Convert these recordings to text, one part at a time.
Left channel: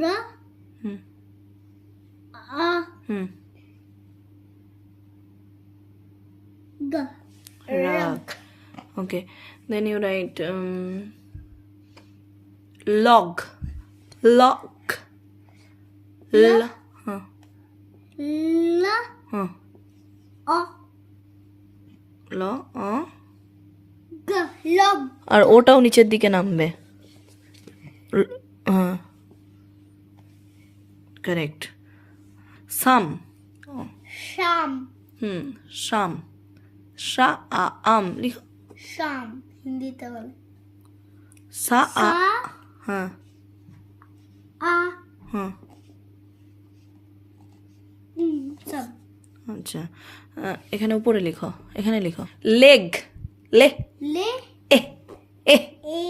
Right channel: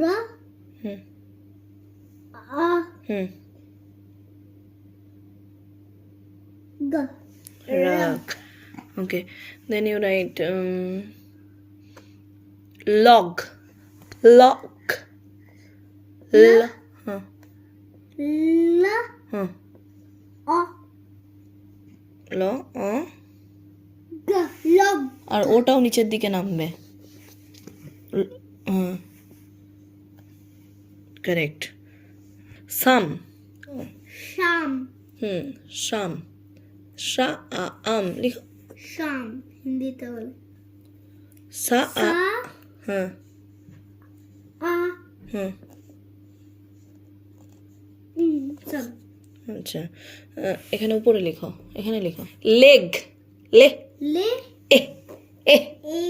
Ra. Hmm. A. Hmm. G. Rug. Okay. Then you write log. Log. L. Huh. La. Huh. A. Lo. G. Log. আর ওটাও নিচের দিকে নামবে। হ্যাঁ correct. সাম। Sham. শাম। শা আ আম লিখো। Sham. হিন্দিতে বল। সা আ। Sa. হ্যাঁ A. হ্যাঁ Sam. আচ্ছা এখানে উপরে লিখো, এখানে লিখো লেগ। লে Le. এ এ A.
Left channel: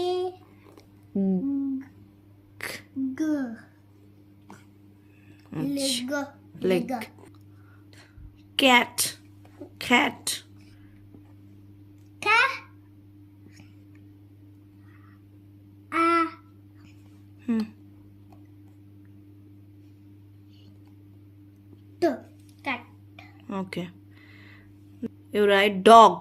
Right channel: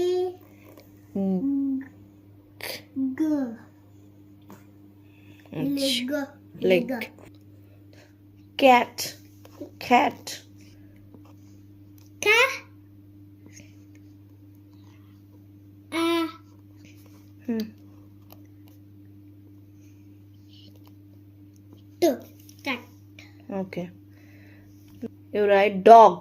G. Leg. Leg. Cat. খ্যাট। Ka. A. T. Cat. Okay you write dog.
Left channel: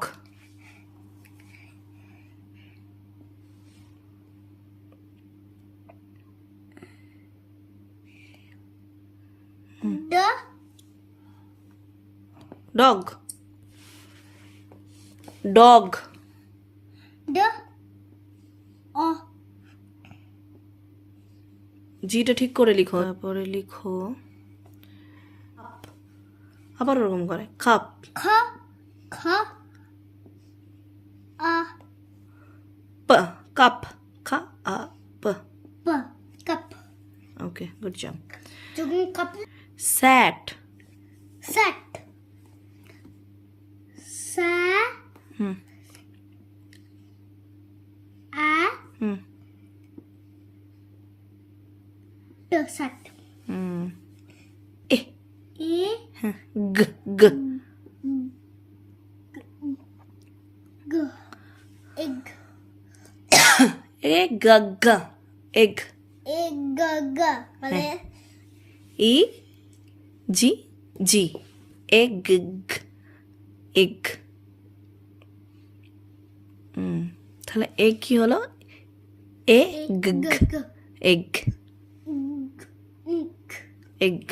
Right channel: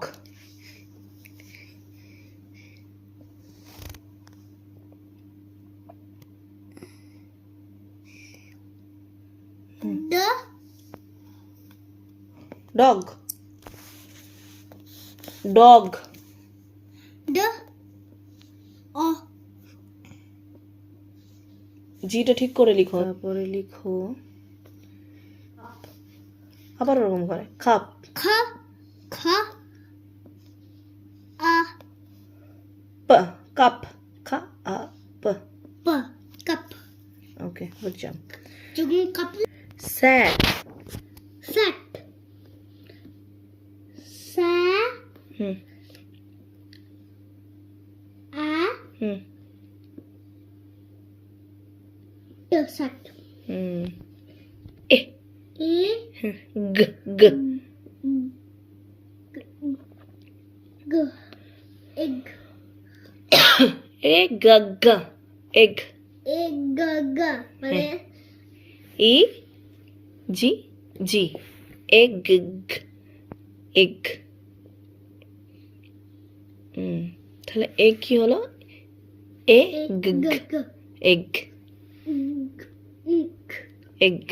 D. Dog. Dog. D. O. জিটা ঠিক করে লিখো, তারপরে লিখো আবার ওরকম করে খাপ। K. K. A. প কাপ। খা আ প। P. Cup. Okay good job. Jugum cup. Sack. Sack. Sa. Hmm A. Hmm T. Sack. Hmm A A. গ গ G. Egg. এ গ গ এগ। Egg. G. মানে ই জি জি এগ এগ। তাহলে এগ কি হলো? এ গ G. Egg G. এগ।